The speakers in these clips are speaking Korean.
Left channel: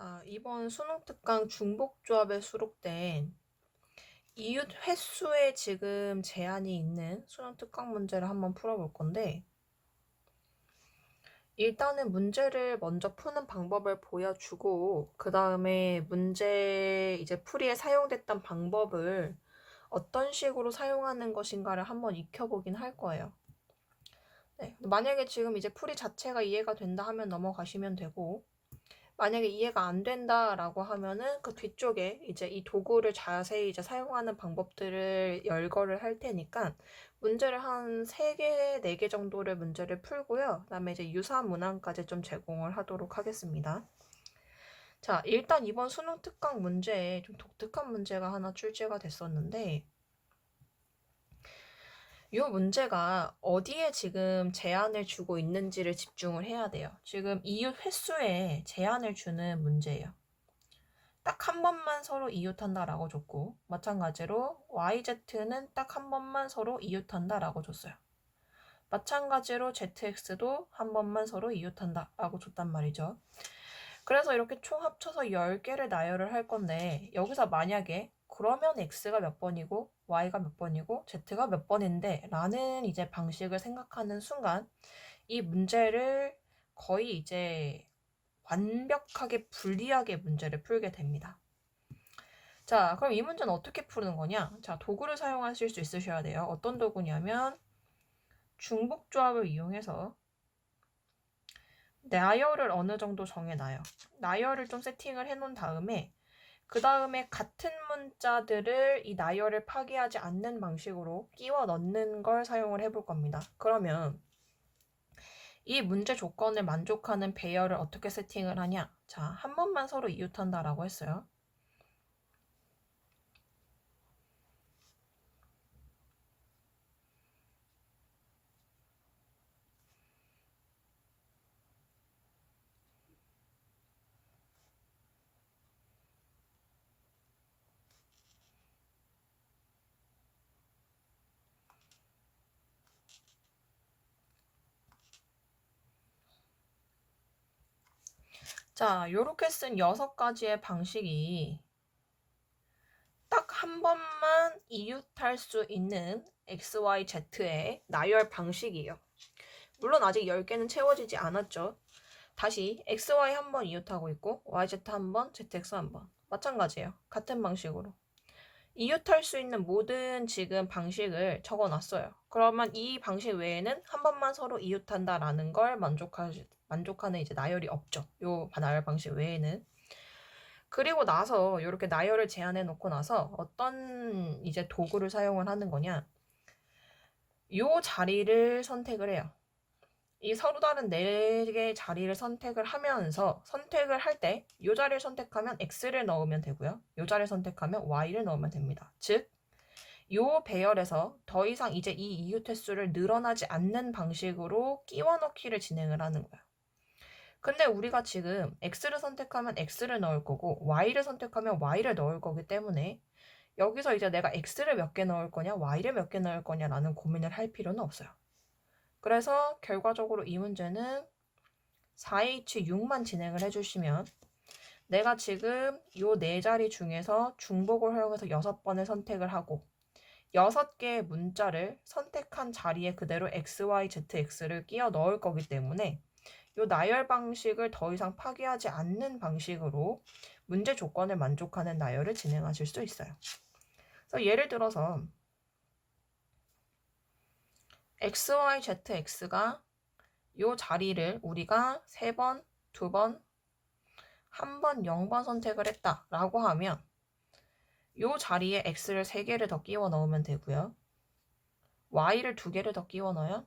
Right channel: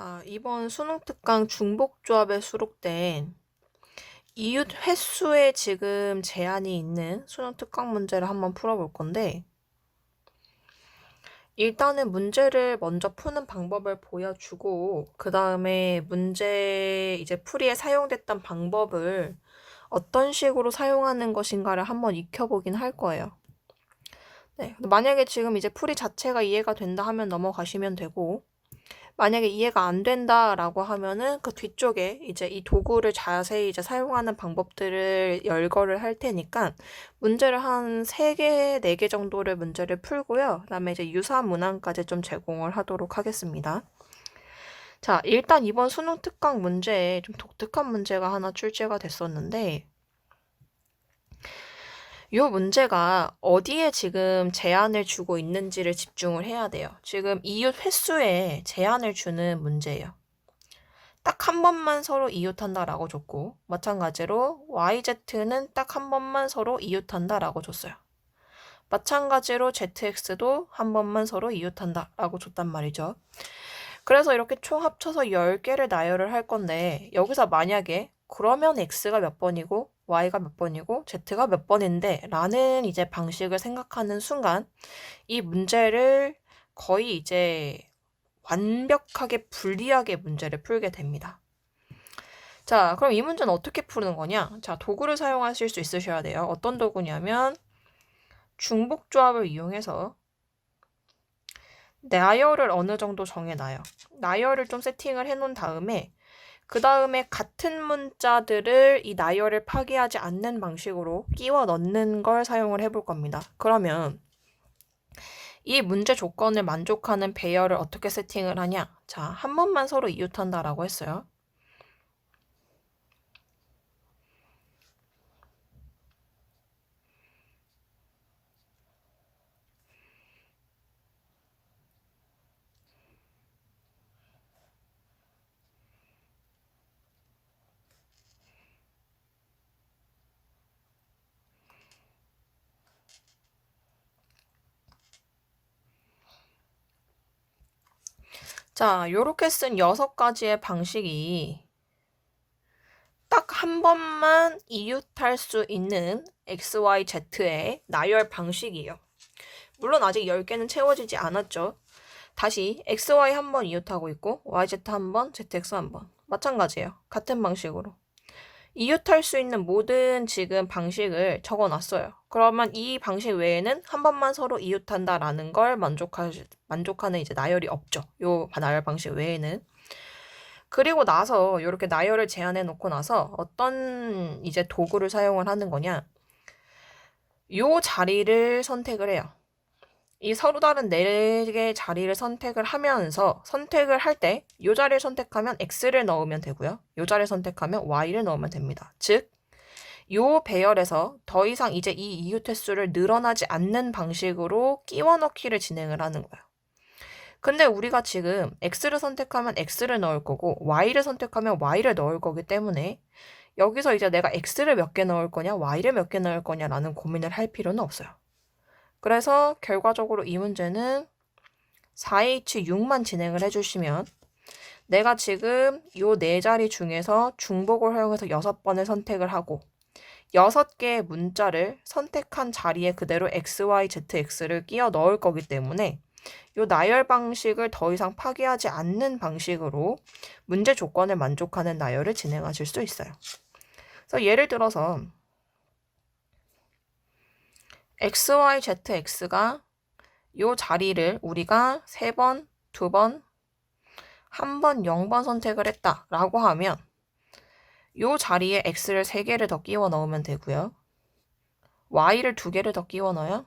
자, 이번 수능 특강 중복조합에 수록된 이웃 횟수에 지금 제한이 있는 수능 특강 문제를 한번 풀어볼 건데, 일단은 문제를 먼저 푸는 방법을 보여주고, 그 다음에 문제 이제 풀이에 사용됐던 방법을 어떤 식으로 사용하는 것인가를 한번 익혀보긴 할 거예요. 네, 만약에 지금 이제 풀이 자체가 이해가 된다 하면 넘어가시면 되고, 만약에 이해가 안 된다라고 하면은 그 뒤쪽에 이제 이 도구를 자세히 이제 사용하는 방법들을 열거를 할 테니까 문제를 한 3개, 4개 정도를 문제를 풀고요. 그다음에 이제 유사 문항까지 좀 제공을 하도록 하겠습니다. 자, 일단 이번 수능 특강 문제에 좀 독특한 문제가 하나 출제가 됐었는데 이 문제가 어디에 지금 제한을 주고 있는지를 집중을 해야 돼요. 지금 이웃 횟수에 제한을 주는 문제예요. 딱 한 번만 서로 이웃한다라고 줬고, 마찬가지로 YZ는 딱 한 번만 서로 이웃한다라고 줬어요. 마찬가지로 ZX도 한 번만 서로 이웃한다라고 줬단 말이죠. 그래서 이렇게 총 합쳐서 10개를 나열을 할 건데, 여기서 만약에 그러면 X가 몇 번이고 Y가 몇 번이고 Z가 몇 번인데 라는 이제 방식을 생각하는 순간 이 문제를 거의 이제 완벽하게 불리하게 문제를 풀게 됩니다. 자, 그럼 이 문제는 어떻게 푸는 거냐? 자, 도구를 사용하실 수 있으셔야 돼요. 어떤 도구냐면 중복조합을 이용해서 나열을 어느 정도 정해놔요. 나열을 좀 세팅을 해놓은 다음에 그 다음에 같은 문자들을 이 나열을 파괴하지 않는 방식으로 끼워 넣는 걸 사용을 해볼 겁니다. 그러면 이 문제 조건을 만족하는 배열을 어떻게 세팅을 하냐? 자, 한 번만 서로 이웃한다라고 했어요. 자, 요렇게 쓴 6가지의 방식이 딱 한 번만 이웃할 수 있는 XYZ의 나열 방식이에요. 물론 아직 10개는 채워지지 않았죠. 다시 XY 한 번 이웃하고 있고 YZ 한 번, ZX 한 번. 마찬가지예요. 같은 방식으로. 이웃할 수 있는 모든 지금 방식을 적어놨어요. 그러면 이 방식 외에는 한 번만 서로 이웃한다라는 걸 만족하는 이제 나열이 없죠. 요 나열 방식 외에는. 그리고 나서 이렇게 나열을 제한해 놓고 나서 어떤 이제 도구를 사용을 하는 거냐. 요 자리를 선택을 해요. 이 서로 다른 4개의 자리를 선택을 하면서 선택을 할 때 요 자리를 선택하면 X를 넣으면 되고요. 요 자리를 선택하면 Y를 넣으면 됩니다. 즉, 요 배열에서 더 이상 이제 이 이웃 횟수를 늘어나지 않는 방식으로 끼워 넣기를 진행을 하는 거예요. 근데 우리가 지금 X를 선택하면 X를 넣을 거고 Y를 선택하면 Y를 넣을 거기 때문에 여기서 이제 내가 X를 몇 개 넣을 거냐 Y를 몇 개 넣을 거냐라는 고민을 할 필요는 없어요. 그래서 결과적으로 이 문제는 4H6만 진행을 해주시면 내가 지금 요 4자리 중에서 중복을 활용해서 6번을 선택을 하고 6개의 문자를 선택한 자리에 그대로 X, Y, Z, X를 끼워 넣을 거기 때문에 요 나열 방식을 더 이상 파괴하지 않는 방식으로 문제 조건을 만족하는 나열을 진행하실 수 있어요. 그래서 예를 들어서 X, Y, Z, X가 요 자리를 우리가 3번, 2번, 1번, 0번 선택을 했다라고 하면 요 자리에 X를 3개를 더 끼워 넣으면 되고요. Y를 2개를 더 끼워 넣어요.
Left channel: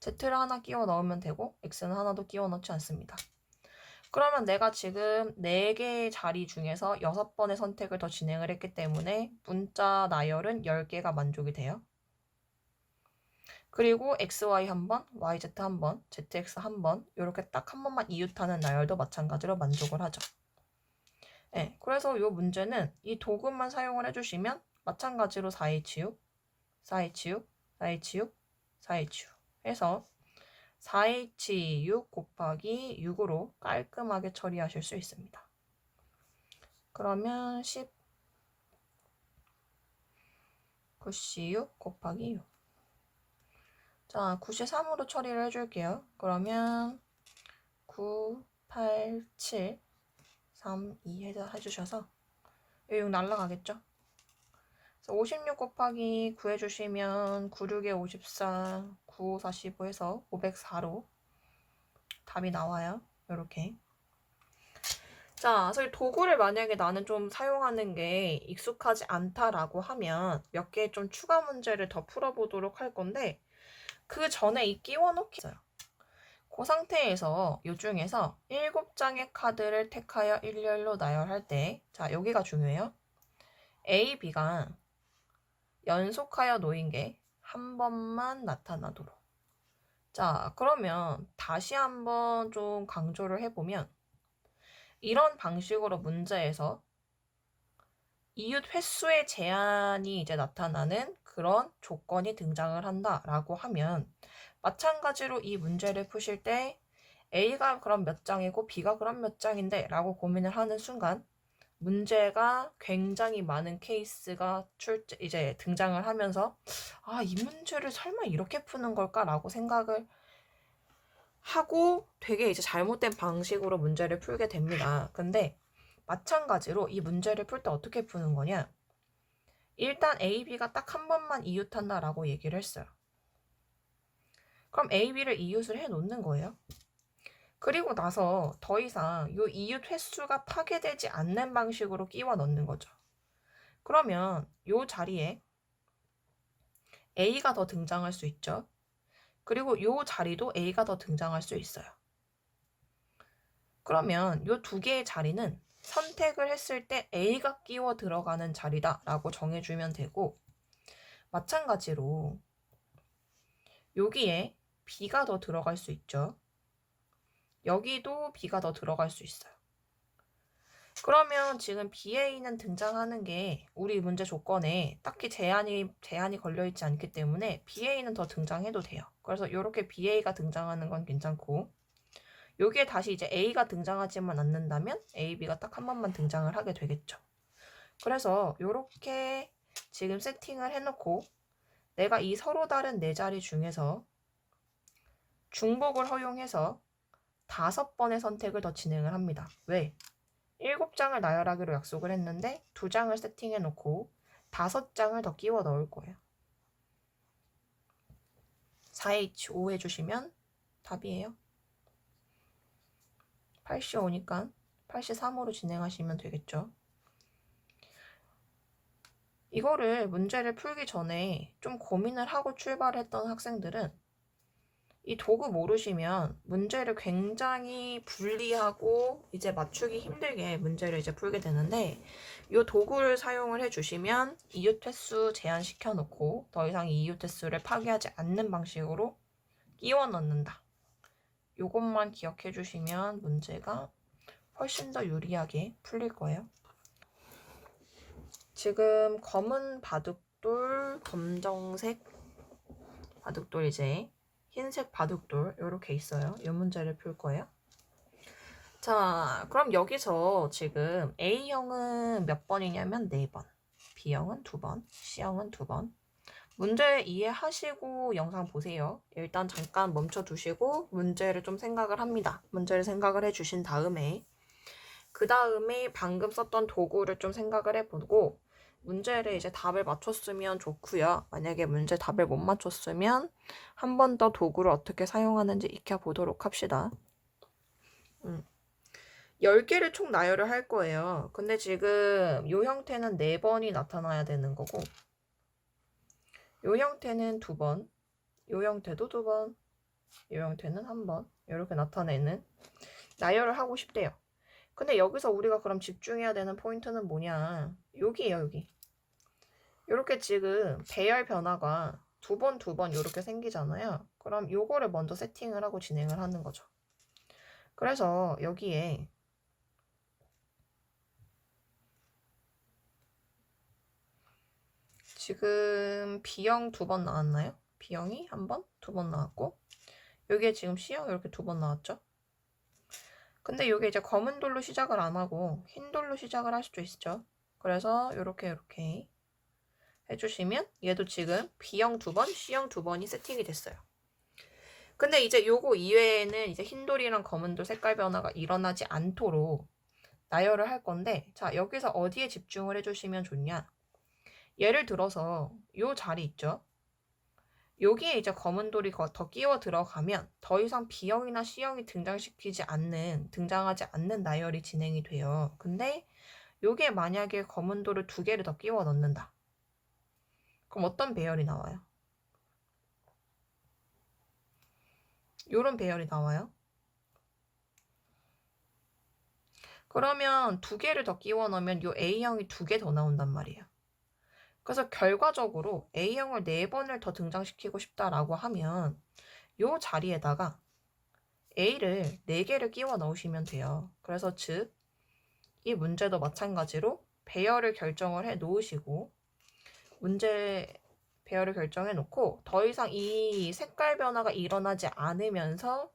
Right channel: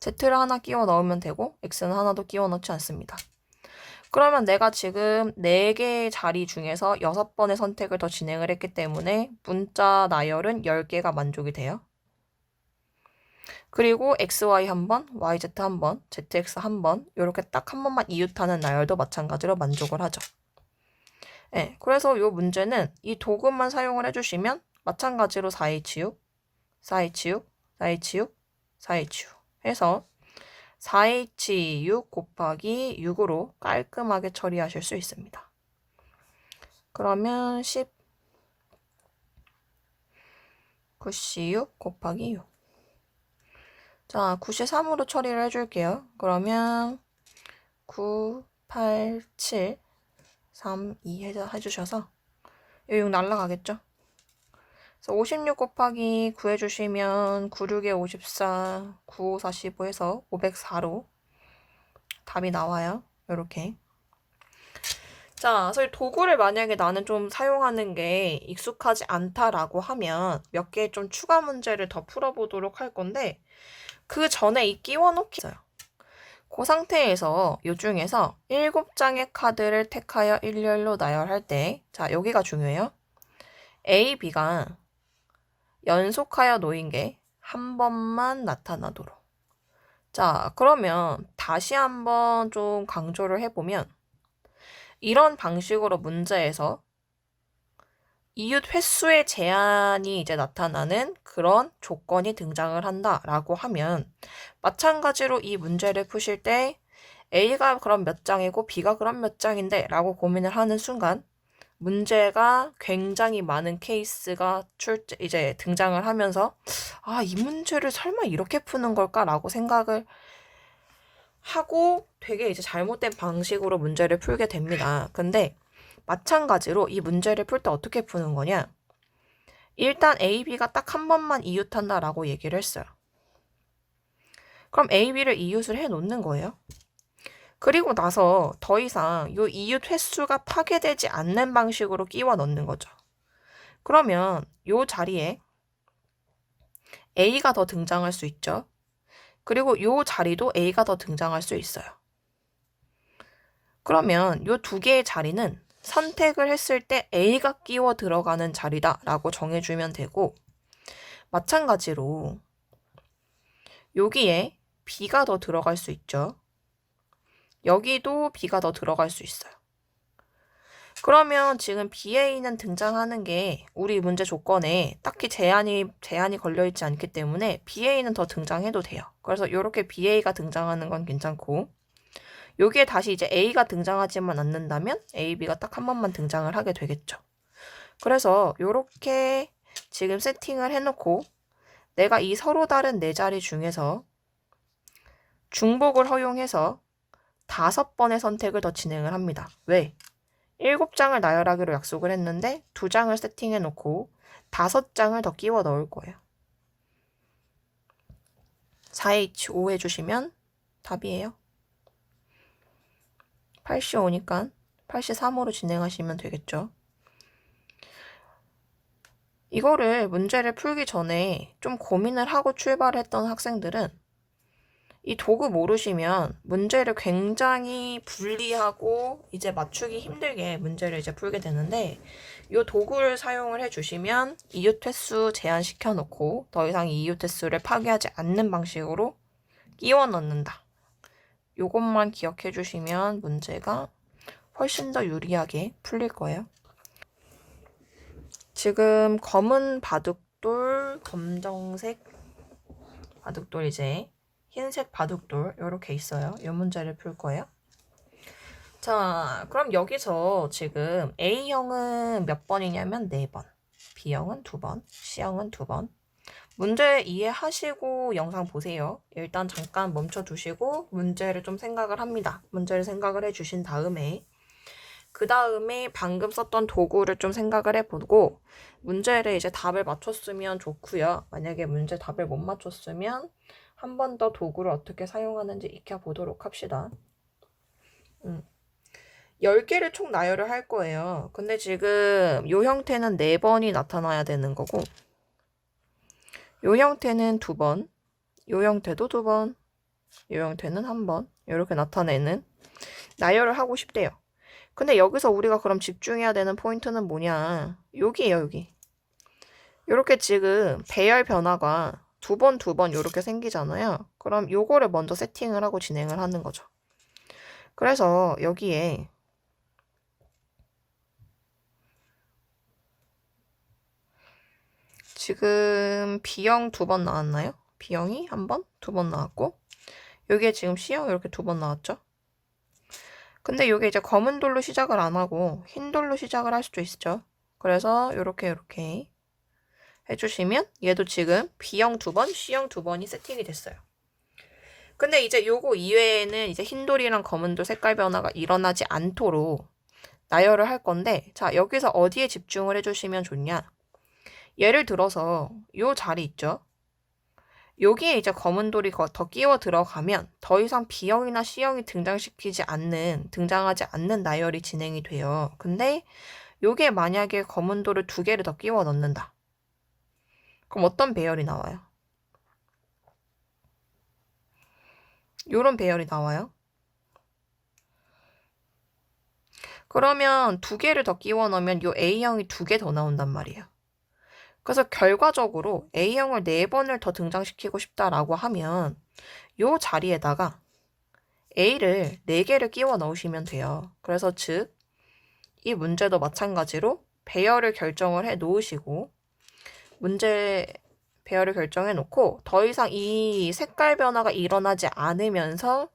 Z를 하나 끼워 넣으면 되고 X는 하나도 끼워 넣지 않습니다. 그러면 내가 지금 4개의 자리 중에서 6번의 선택을 더 진행을 했기 때문에 문자 나열은 10개가 만족이 돼요. 그리고 XY 한 번, YZ 한 번, ZX 한 번, 이렇게 딱 한 번만 이웃하는 나열도 마찬가지로 만족을 하죠. 네, 그래서 이 문제는 이 도구만 사용을 해주시면 마찬가지로 4H6, 4H6, 4H6, 4H6 해서 4H6 곱하기 6으로 깔끔하게 처리하실 수 있습니다. 그러면 9C6 곱하기 6. 자, 93으로 처리를 해줄게요. 그러면 9, 8, 7, 3, 2 해주셔서 6 날라가겠죠? 그래서 56 곱하기 9 해주시면 9, 6에 54, 9, 45 해서 504로 답이 나와요. 이렇게. 자, 그래서 도구를 만약에 나는 좀 사용하는 게 익숙하지 않다라고 하면 몇 개 좀 추가 문제를 더 풀어보도록 할 건데 그 전에 이 끼워놓기 있어요. 그 상태에서 이 중에서 7장의 카드를 택하여 일렬로 나열할 때, 자, 여기가 중요해요. A, B가 연속하여 놓인 게 한 번만 나타나도록. 자, 그러면 다시 한번 좀 강조를 해보면 이런 방식으로 문제에서 이웃 횟수의 제한이 이제 나타나는 그런 조건이 등장을 한다라고 하면 마찬가지로 이 문제를 푸실 때 A가 그럼 몇 장이고 B가 그럼 몇 장인데 라고 고민을 하는 순간 문제가 굉장히 많은 케이스가 이제 등장을 하면서 아, 이 문제를 설마 이렇게 푸는 걸까라고 생각을 하고 되게 이제 잘못된 방식으로 문제를 풀게 됩니다. 근데 마찬가지로 이 문제를 풀 때 어떻게 푸는 거냐? 일단 A, B가 딱 한 번만 이웃한다라고 얘기를 했어요. 그럼 A, B를 이웃을 해 놓는 거예요. 그리고 나서 더 이상 이 이웃 횟수가 파괴되지 않는 방식으로 끼워 넣는 거죠. 그러면 이 자리에 A가 더 등장할 수 있죠. 그리고 이 자리도 A가 더 등장할 수 있어요. 그러면 이 두 개의 자리는 선택을 했을 때 A가 끼워 들어가는 자리다라고 정해주면 되고 마찬가지로 여기에 B가 더 들어갈 수 있죠. 여기도 B가 더 들어갈 수 있어요. 그러면 지금 BA는 등장하는 게 우리 문제 조건에 딱히 제한이 걸려있지 않기 때문에 BA는 더 등장해도 돼요. 그래서 이렇게 BA가 등장하는 건 괜찮고 여기에 다시 이제 A가 등장하지만 않는다면 A, B가 딱 한 번만 등장을 하게 되겠죠. 그래서 이렇게 지금 세팅을 해놓고 내가 이 서로 다른 네 자리 중에서 중복을 허용해서 5번의 선택을 더 진행을 합니다. 왜? 7장을 나열하기로 약속을 했는데 2장을 세팅해 놓고 5장을 더 끼워 넣을 거예요. 4H5 해주시면 답이에요. 8C5니까 8C3으로 진행하시면 되겠죠. 이거를 문제를 풀기 전에 좀 고민을 하고 출발했던 학생들은 이 도구 모르시면 문제를 굉장히 분리하고 이제 맞추기 힘들게 문제를 이제 풀게 되는데 이 도구를 사용을 해주시면 이웃 횟수 제한시켜 놓고 더 이상 이웃 횟수를 파괴하지 않는 방식으로 끼워 넣는다. 이것만 기억해 주시면 문제가 훨씬 더 유리하게 풀릴 거예요. 지금 검은 바둑돌, 검정색 바둑돌 이제 흰색 바둑돌 이렇게 있어요. 이 문제를 풀 거예요. 자, 그럼 여기서 지금 A형은 몇 번이냐면 4번, B형은 2번, C형은 2번. 문제 이해하시고 영상 보세요. 일단 잠깐 멈춰두시고 문제를 좀 생각을 합니다. 문제를 생각을 해주신 다음에 그 다음에 방금 썼던 도구를 좀 생각을 해보고 문제를 이제 답을 맞췄으면 좋고요. 만약에 문제 답을 못 맞췄으면 한 번 더 도구를 어떻게 사용하는지 익혀보도록 합시다. 10개를 총 나열을 할 거예요. 근데 지금 이 형태는 4번이 나타나야 되는 거고 이 형태는 2번, 이 형태도 2번, 이 형태는 1번 이렇게 나타내는 나열을 하고 싶대요. 근데 여기서 우리가 그럼 집중해야 되는 포인트는 뭐냐? 여기에요, 여기. 이렇게 지금 배열 변화가 2번, 2번 이렇게 생기잖아요. 그럼 요거를 먼저 세팅을 하고 진행을 하는 거죠. 그래서 여기에 지금 B형 2번 나왔나요? B형이 1번, 2번 나왔고 여기에 지금 C형 이렇게 2번 나왔죠? 근데 이게 이제 검은 돌로 시작을 안 하고 흰 돌로 시작을 할 수도 있죠. 그래서 이렇게 해주시면 얘도 지금 B형 2번, C형 2번이 세팅이 됐어요. 근데 이제 요거 이외에는 이제 흰 돌이랑 검은 돌 색깔 변화가 일어나지 않도록 나열을 할 건데, 자, 여기서 어디에 집중을 해주시면 좋냐? 예를 들어서 요 자리 있죠? 여기에 이제 검은 돌이 더 끼워 들어가면 더 이상 B형이나 C형이 등장하지 않는 나열이 진행이 돼요. 근데 요게 만약에 검은 돌을 2개를 더 끼워 넣는다. 그럼 어떤 배열이 나와요? 요런 배열이 나와요. 그러면 2개를 더 끼워 넣으면 요 A형이 2개 더 나온단 말이에요. 그래서 결과적으로 A형을 4번을 더 등장시키고 싶다라고 하면 요 자리에다가 A를 4개를 끼워 넣으시면 돼요. 그래서 즉, 이 문제도 마찬가지로 배열을 결정을 해 놓으시고, 문제 배열을 결정해 놓고 더 이상 이 색깔 변화가 일어나지 않으면서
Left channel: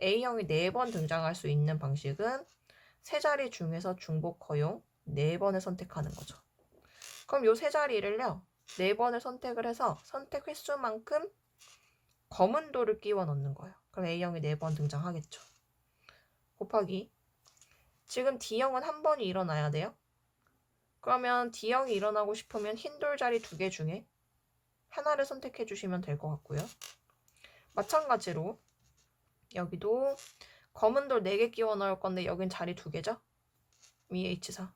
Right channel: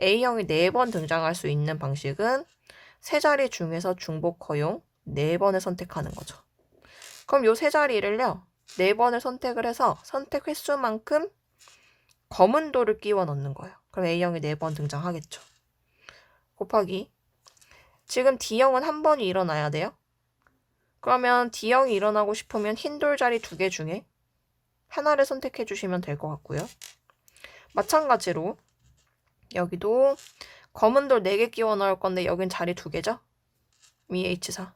A형이 4번 등장할 수 있는 방식은 세 자리 중에서 중복 허용 4번을 선택하는 거죠. 그럼 요 세 자리를요, 4번을 선택을 해서 선택 횟수만큼 검은 돌을 끼워 넣는 거예요. 그럼 A형이 4번 등장하겠죠. 곱하기 지금 D형은 한 번이 일어나야 돼요. 그러면 D형이 일어나고 싶으면 흰 돌 자리 2개 중에 하나를 선택해 주시면 될 것 같고요. 마찬가지로 여기도 검은 돌 4개 끼워 넣을 건데 여긴 자리 2개죠? H4.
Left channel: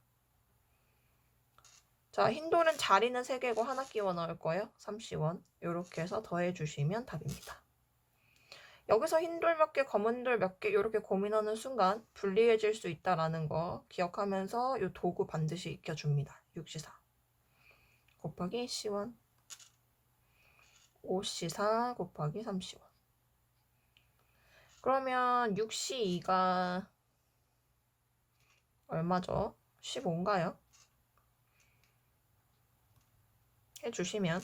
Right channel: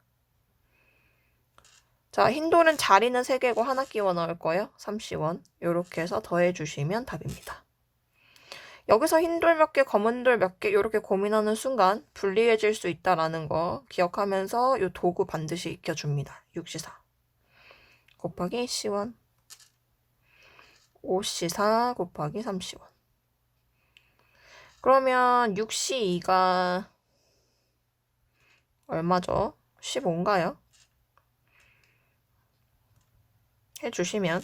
자, 흰 돌은 자리는 3개고 하나 끼워 넣을 거예요. 3C1. 이렇게 해서 더해 주시면 답입니다. 여기서 흰 돌 몇 개, 검은 돌 몇 개 이렇게 고민하는 순간 불리해질 수 있다라는 거 기억하면서 이 도구 반드시 익혀줍니다. 6C4 곱하기 C1 5C4 곱하기 3C1. 그러면 6C2가 얼마죠? 15인가요? 해주시면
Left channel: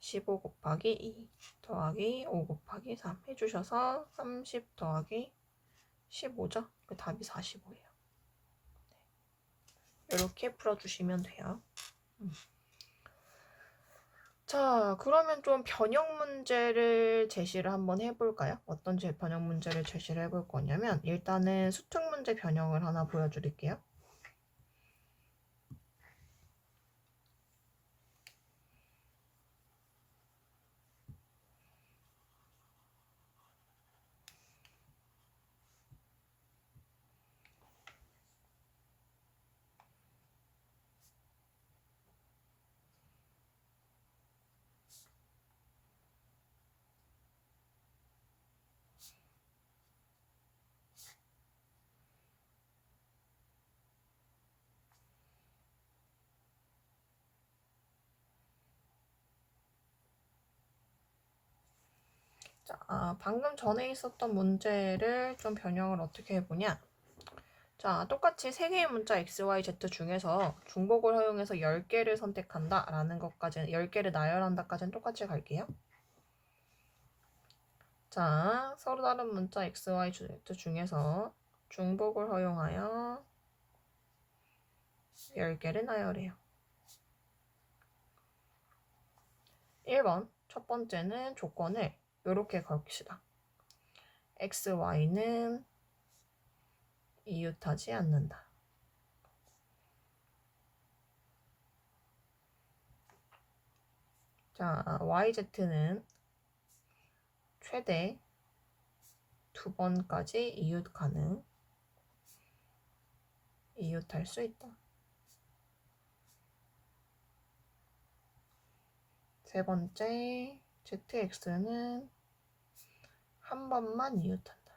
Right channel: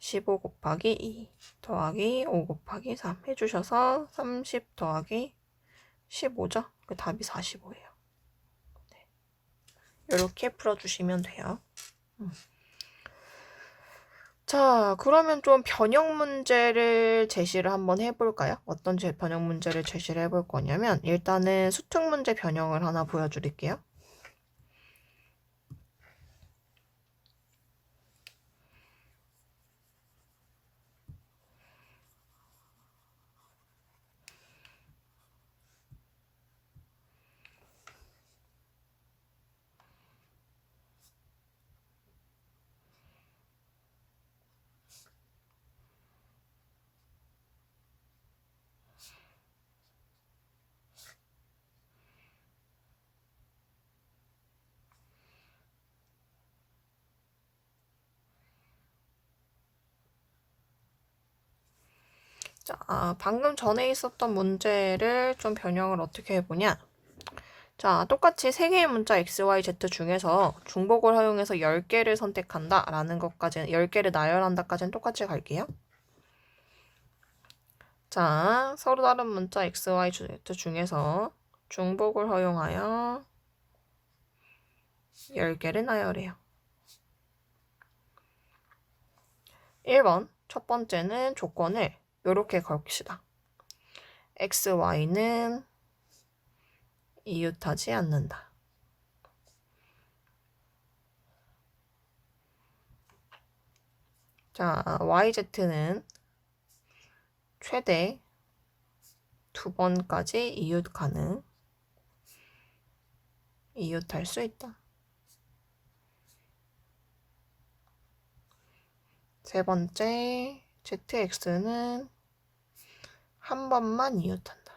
15 곱하기 2 더하기 5 곱하기 3 해주셔서 30 더하기 15죠? 그 답이 45예요. 네. 이렇게 풀어주시면 돼요. 자, 그러면 좀 변형 문제를 제시를 한번 해볼까요? 어떤 변형 문제를 제시를 해볼 거냐면 일단은 수특 문제 변형을 하나 보여드릴게요. 자, 방금 전에 있었던 문제를 좀 변형을 어떻게 해보냐. 자, 똑같이 3개의 문자 x, y, z 중에서 중복을 허용해서 10개를 선택한다 라는 것까지는 10개를 나열한다까지는 똑같이 갈게요. 자, 서로 다른 문자 x, y, z 중에서 중복을 허용하여 10개를 나열해요. 1번 첫 번째는 조건을 이렇게 걸읍시다. x, y는 이웃하지 않는다. 자, yz는 최대 2번까지 이웃할 수 있다. 세 번째, zx는 한 번만 이웃한다.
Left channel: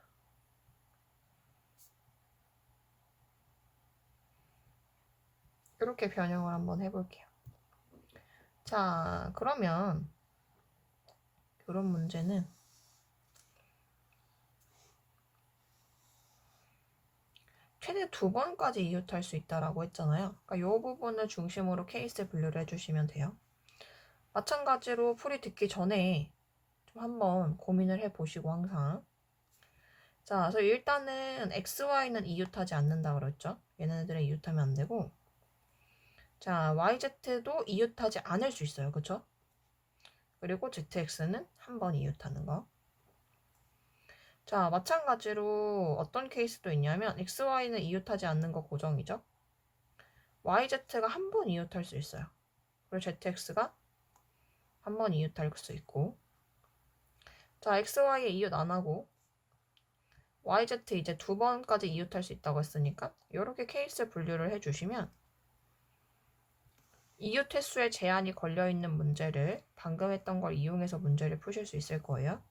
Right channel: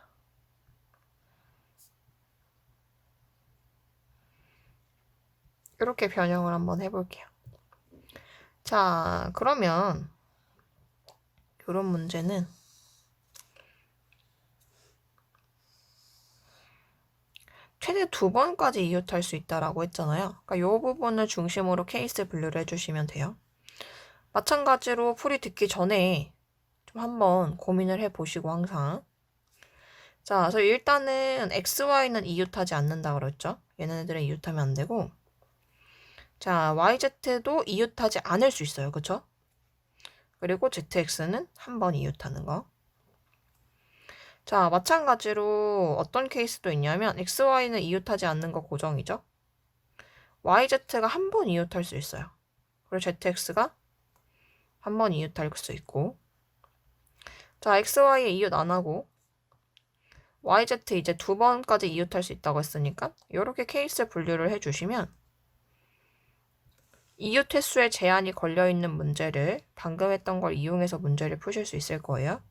이렇게 변형을 한번 해볼게요. 자, 그러면 이런 문제는 최대 2번까지 이웃할 수 있다라고 했잖아요. 그러니까 이 부분을 중심으로 케이스 분류를 해주시면 돼요. 마찬가지로 풀이 듣기 전에 좀 한번 고민을 해보시고 항상. 자, 그래서 일단은 XY는 이웃하지 않는다 그랬죠? 얘네들은 이웃하면 안 되고. 자, YZ도 이웃하지 않을 수 있어요. 그쵸? 그리고 ZX는 한 번 이웃하는 거. 자, 마찬가지로 어떤 케이스도 있냐면 XY는 이웃하지 않는 거 고정이죠. YZ가 한 번 이웃할 수 있어요. 그리고 ZX가 한 번 이웃할 수 있고. 자, XY에 이웃 안 하고 YZ 이제 두 번까지 이웃할 수 있다고 했으니까 이렇게 케이스 분류를 해주시면 이웃 횟수에 제한이 걸려있는 문제를 방금 했던 걸 이용해서 문제를 푸실 수 있을 거예요.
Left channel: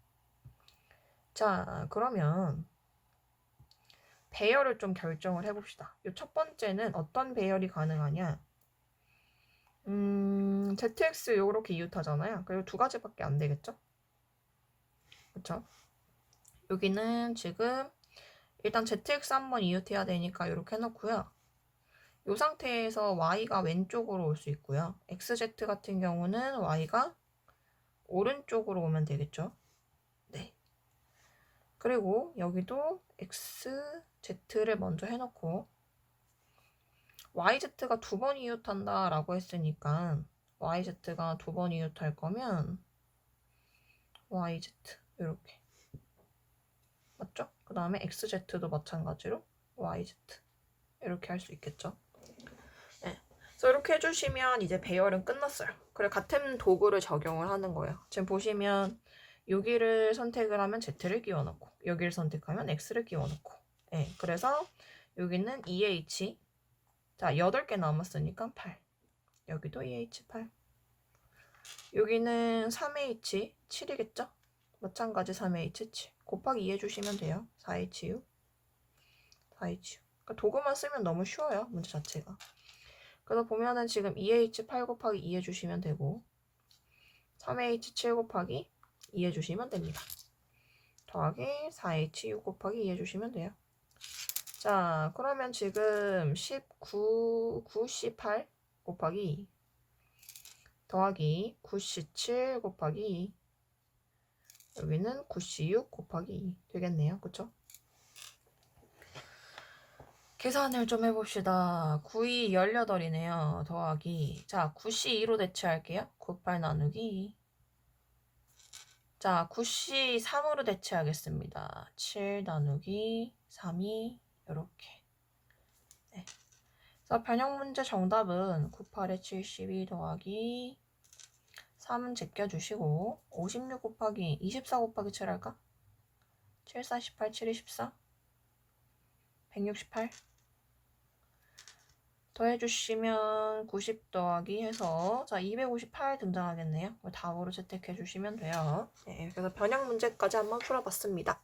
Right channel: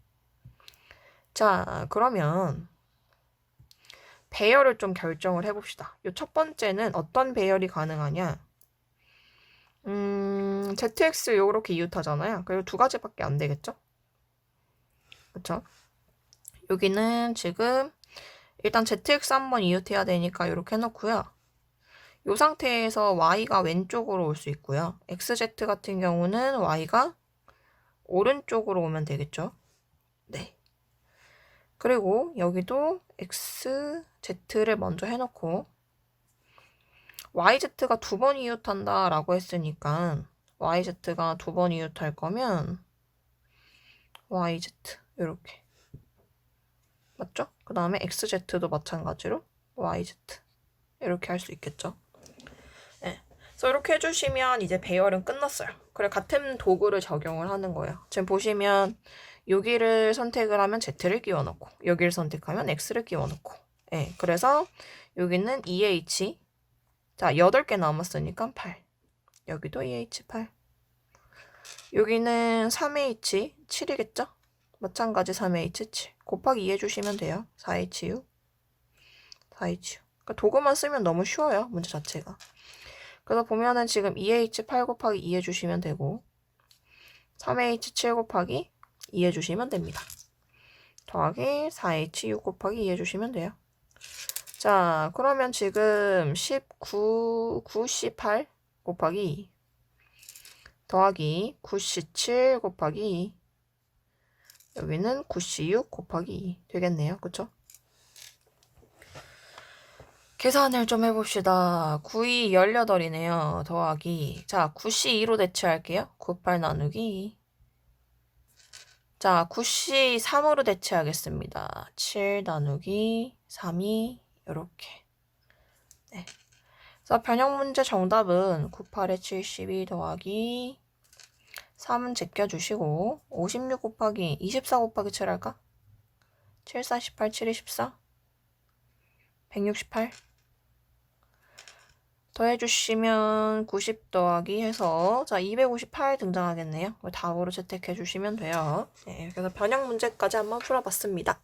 자, 그러면 배열을 좀 결정을 해봅시다. 이 첫 번째는 어떤 배열이 가능하냐? ZX 요렇게 이웃하잖아요. 그리고 두 가지밖에 안 되겠죠? 그쵸? 여기는 지금 일단 ZX 한번 이웃해야 되니까 이렇게 해놓고요. 이 상태에서 Y가 왼쪽으로 올 수 있고요. XZ 같은 경우는 Y가 오른쪽으로 오면 되겠죠? 네. 그리고 여기도 XZ를 먼저 해놓고 YZ가 두 번 이웃한다 라고 했으니까 YZ가 두 번 이웃할 거면 YZ 이렇게 맞죠? 그 다음에 XZ도 마찬가지로 YZ 이렇게 할 수 있겠죠? 네. 그래서 이렇게 해주시면 이제 배열은 끝났어요. 그래 같은 도구를 적용을 하는 거예요. 지금 보시면 여기를 선택을 하면 Z를 끼워넣고 여기를 선택하면 X를 끼워넣고 네. 그래서 여기는 EH 자 8개 남았으니까 8 여기도 EH 8 여기는 3H 7이겠죠? 마찬가지 3H 7 곱하기 2 해주시면 돼요. 4HU 4HU 그러니까 도구만 쓰면 너무 쉬워요. 문제 자체가. 그래서 보면은 지금 2H 8 곱하기 2 해주시면 되고 3H 7 곱하기 2 해주시면 됩니다. 더하기 4H 6 곱하기 2 해주시면 돼요. 자, 그러면 지금 9C8 곱하기 2 더하기 9C7 곱하기 2 여기는 9C6 곱하기 2 되겠네요. 그쵸? 계산을 좀 해봅시다. 9이 18이네요. 더하기 자 9C2로 대체할게요. 98 나누기 자 9C3으로 대체하겠습니다. 7 나누기 3이 이렇게 네. 그래서 변형 문제 정답은 98에 72 더하기 3은 제껴주시고 56 곱하기 24 곱하기 7 할까? 7, 4, 18, 7, 24 168 더해주시면 90 더하기 해서 자 258 등장하겠네요. 답으로 채택해 주시면 돼요. 네, 그래서 변형 문제까지 한번 풀어봤습니다.